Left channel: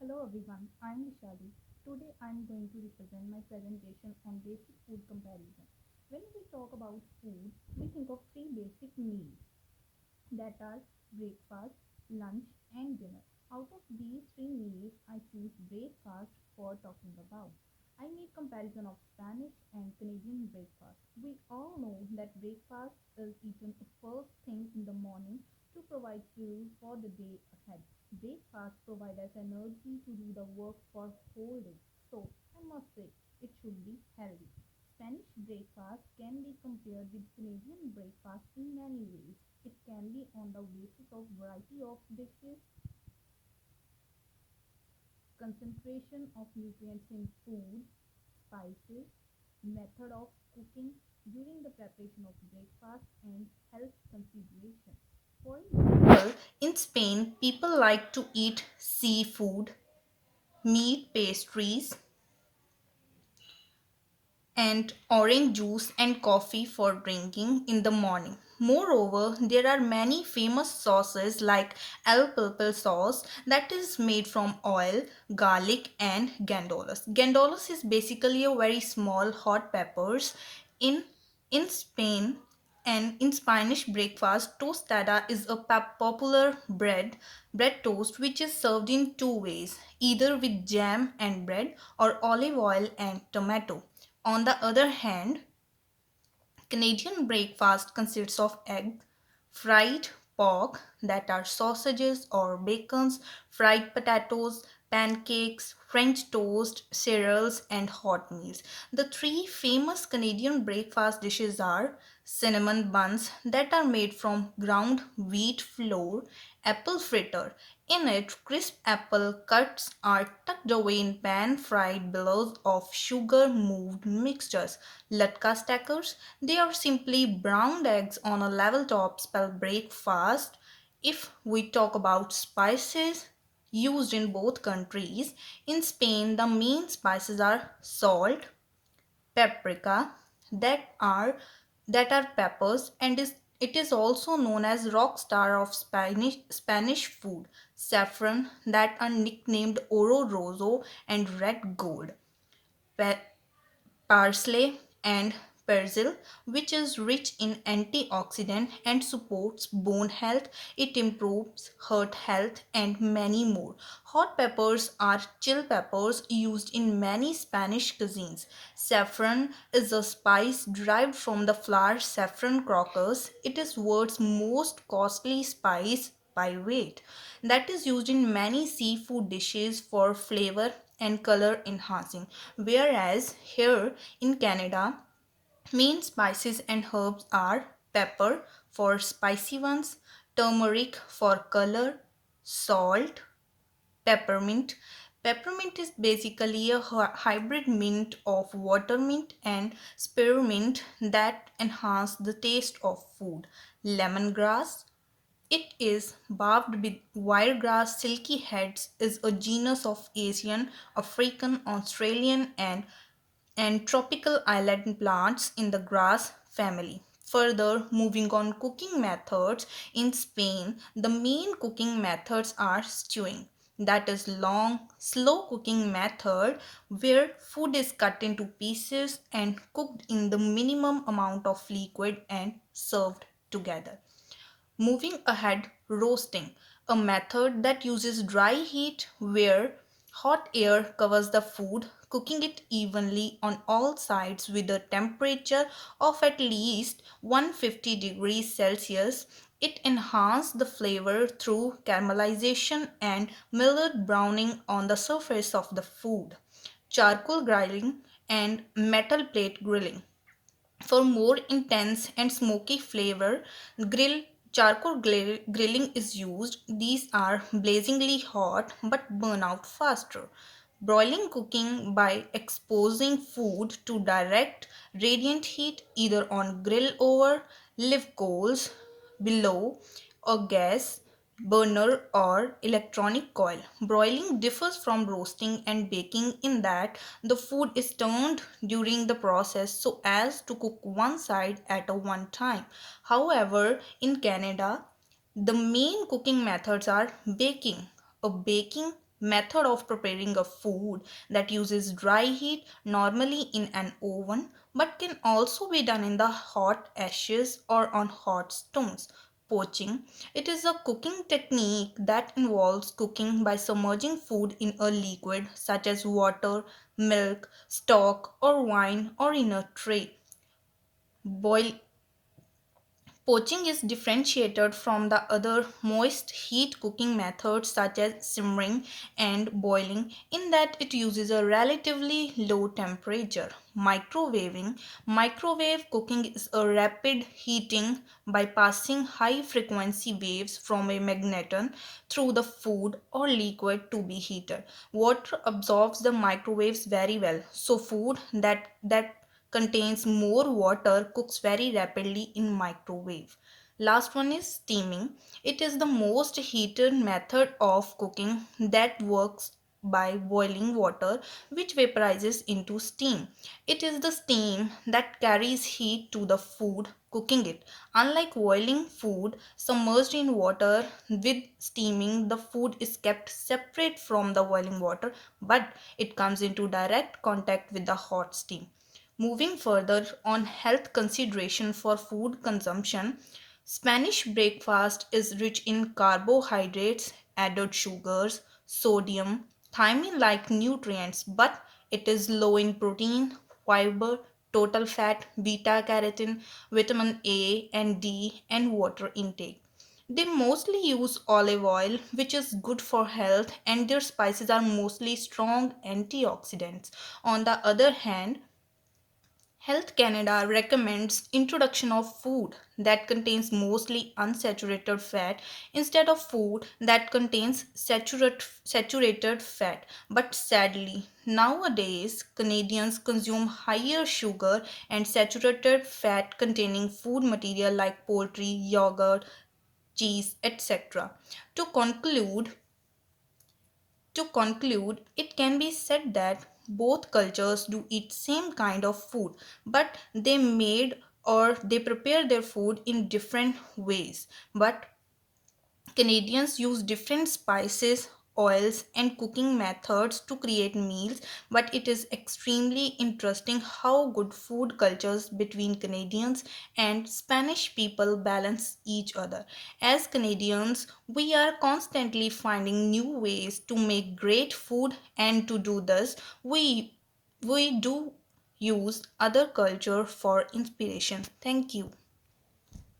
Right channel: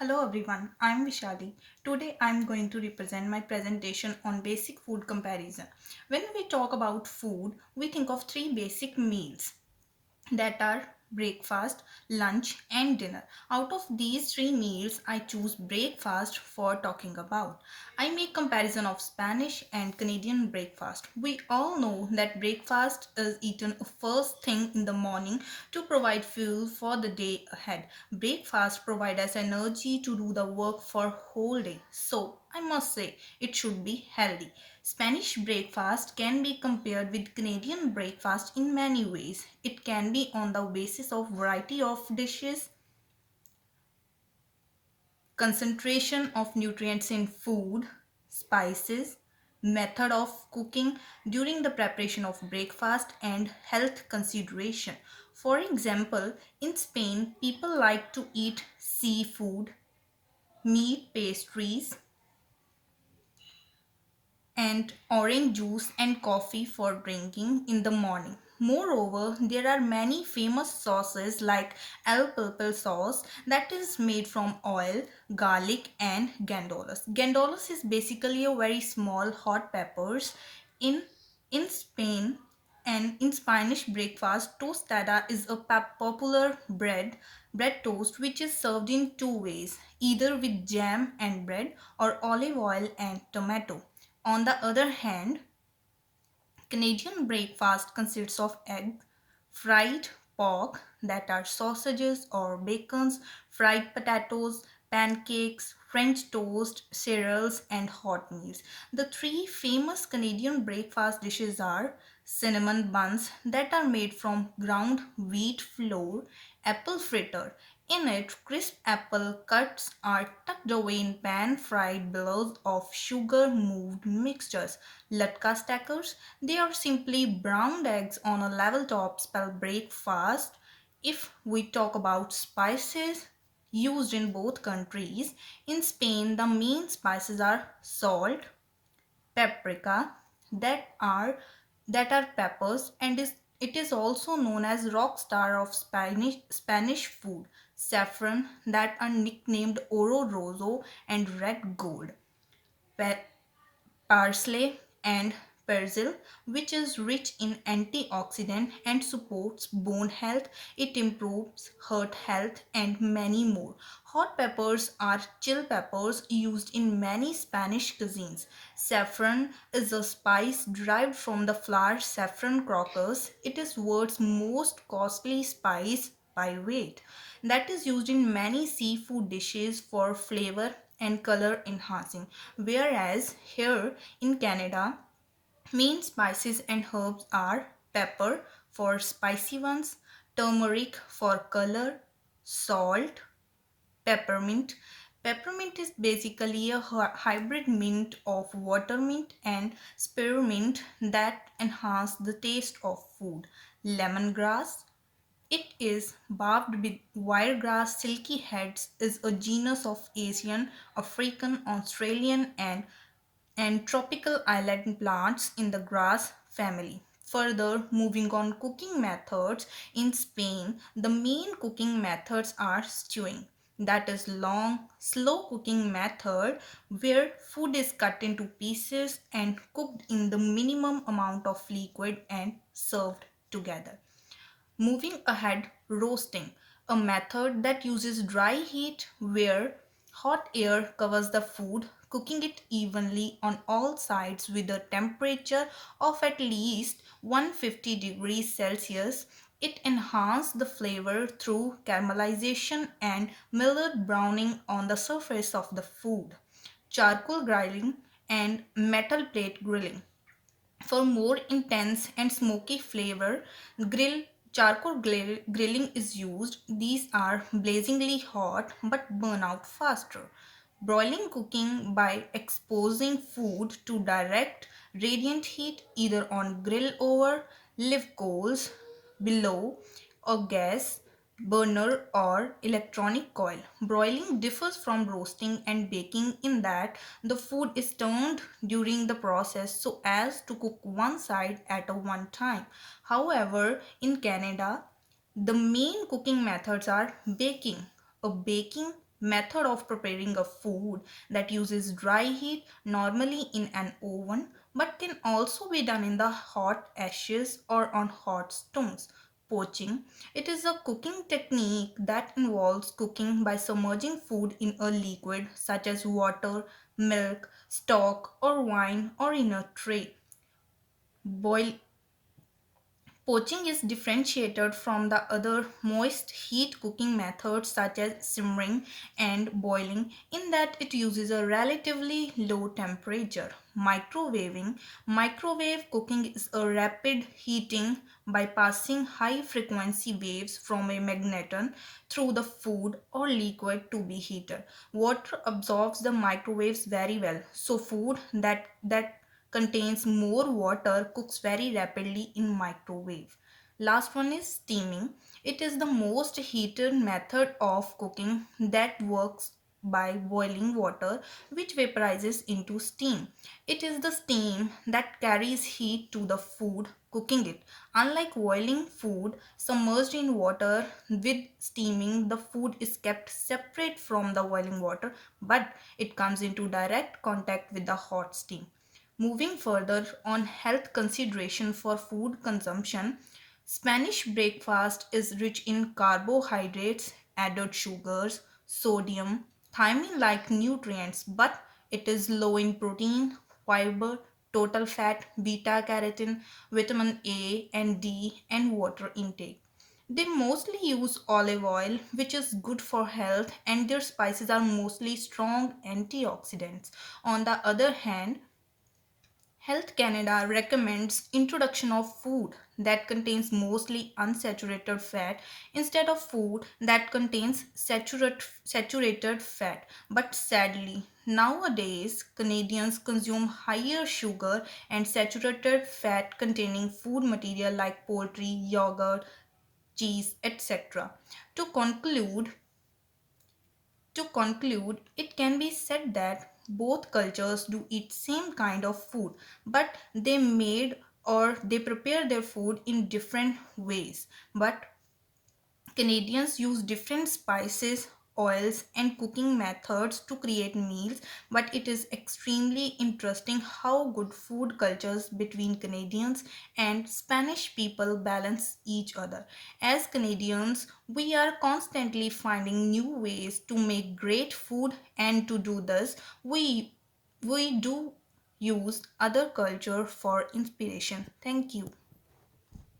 Hello everyone, I'm Vishali. Today I'm going to represent my presentation on basic food comparison. When we talk about food, we think of three basic meals that are breakfast, lunch, and dinner. Out of these three meals, I choose breakfast for talking about. I make comparison of Spanish and Canadian breakfast. We all know that breakfast is eaten first thing in the morning to provide fuel for the day ahead. Breakfast provides us energy to do the work for whole day. So, I must say it should be healthy. Spanish breakfast can be compared with Canadian breakfast in many ways. It can be on the basis of variety of dishes, concentration of nutrients in food, spices, method of cooking during the preparation of breakfast, and health consideration. For example, in Spain, people like to eat seafood, meat pastries, and orange juice and coffee for drinking in the morning. Moreover, there are many famous sauces like El Purple sauce that is made from oil, garlic, and gandolas. Gandolas is basically a very small hot peppers in in Spain. And in Spanish breakfast, tostada is a popular bread toast which is served in two ways, either with jam and bread or olive oil and tomato. On the other hand, Canadian breakfast consists of egg, fried pork that are sausages or bacons, fried potatoes, pancakes, French toast, cereals, and hot meals. The three famous Canadian breakfast dishes are cinnamon buns that are made from ground wheat flour, apple fritter. In it, crisp apple cuts are tucked away in pan-fried billows of sugar-moved mixtures. Latka stackers, they are simply browned eggs on a level top spelled breakfast. If we talk about spices used in both countries, in Spain the main spices are salt, paprika, that are peppers, and it is also known as rock star of Spanish food, saffron that are nicknamed oro rosso and red gold, pa- parsley and persil, which is rich in antioxidant and supports bone health. It improves heart health and many more. Hot peppers are chill peppers used in many Spanish cuisines. Saffron is a spice derived from the flower saffron crocus. It is world's most costly spice by weight, that is used in many seafood dishes for flavor and color enhancing. Whereas here in Canada, main spices and herbs are pepper for spicy ones, turmeric for color, salt, peppermint. Peppermint is basically a hybrid mint of watermint and spearmint that enhance the taste of food. Lemongrass, it is barked with wiregrass silky heads, is a genus of Asian, African, Australian, and tropical island plants in the grass family. Further, moving on cooking methods, in Spain, the main cooking methods are stewing. That is long, slow cooking method where food is cut into pieces and cooked in the minimum amount of liquid and served together. Moving ahead, roasting, a method that uses dry heat where hot air covers the food, cooking it evenly on all sides with a temperature of at least 150 degrees Celsius. It enhances the flavor through caramelization and mild browning on the surface of the food. Charcoal grilling and metal plate grilling, for more intense and smoky flavor, grill grilling is used. These are blazingly hot but burn out faster. Broiling cooking by exposing food to direct radiant heat either on grill over live coals below or gas burner or electronic coil. Broiling differs from roasting and baking in that the food is turned during the process so as to cook one side at a one time. However, in Canada, the main cooking methods are baking. A baking method of preparing a food that uses dry heat, normally in an oven, but can also be done in the hot ashes or on hot stones. Poaching. It is a cooking technique that involves cooking by submerging food in a liquid such as water, milk, stock, or wine, or in a tray. Boil Poaching is differentiated from the other moist heat cooking methods such as simmering and boiling in that it uses a relatively low temperature. Microwave cooking is a rapid heating by passing high frequency waves from a magneton through the food or liquid to be heated. Water absorbs the microwaves very well, so food that contains more water cooks very rapidly in microwave. Last one is steaming. It is the most heated method of cooking that works by boiling water which vaporizes into steam. It is the steam that carries heat to the food cooking it. Unlike boiling food submerged in water, with steaming the food is kept separate from the boiling water, but it comes into direct contact with the hot steam. Moving further on health consideration for food consumption, Spanish breakfast is rich in carbohydrates, added sugars, sodium, thiamine like nutrients, but it is low in protein, fiber, total fat, beta carotene, vitamin A and D, and water intake. They mostly use olive oil, which is good for health, and their spices are mostly strong antioxidants. On the other hand, Health Canada recommends introduction of food that contains mostly unsaturated fat instead of food that contains saturated fat. But sadly, nowadays Canadians consume higher sugar and saturated fat containing food material like poultry, yogurt, cheese, etc. To conclude, it can be said that both cultures do eat same kind of food, but they prepare their food in different ways. But Canadians use different spices, oils, and cooking methods to create meals, but it is extremely interesting how good food cultures between Canadians and Spanish people balance each other. As Canadians, we are constantly finding new ways to make great food, and to do this, we do use other culture for inspiration. Thank you.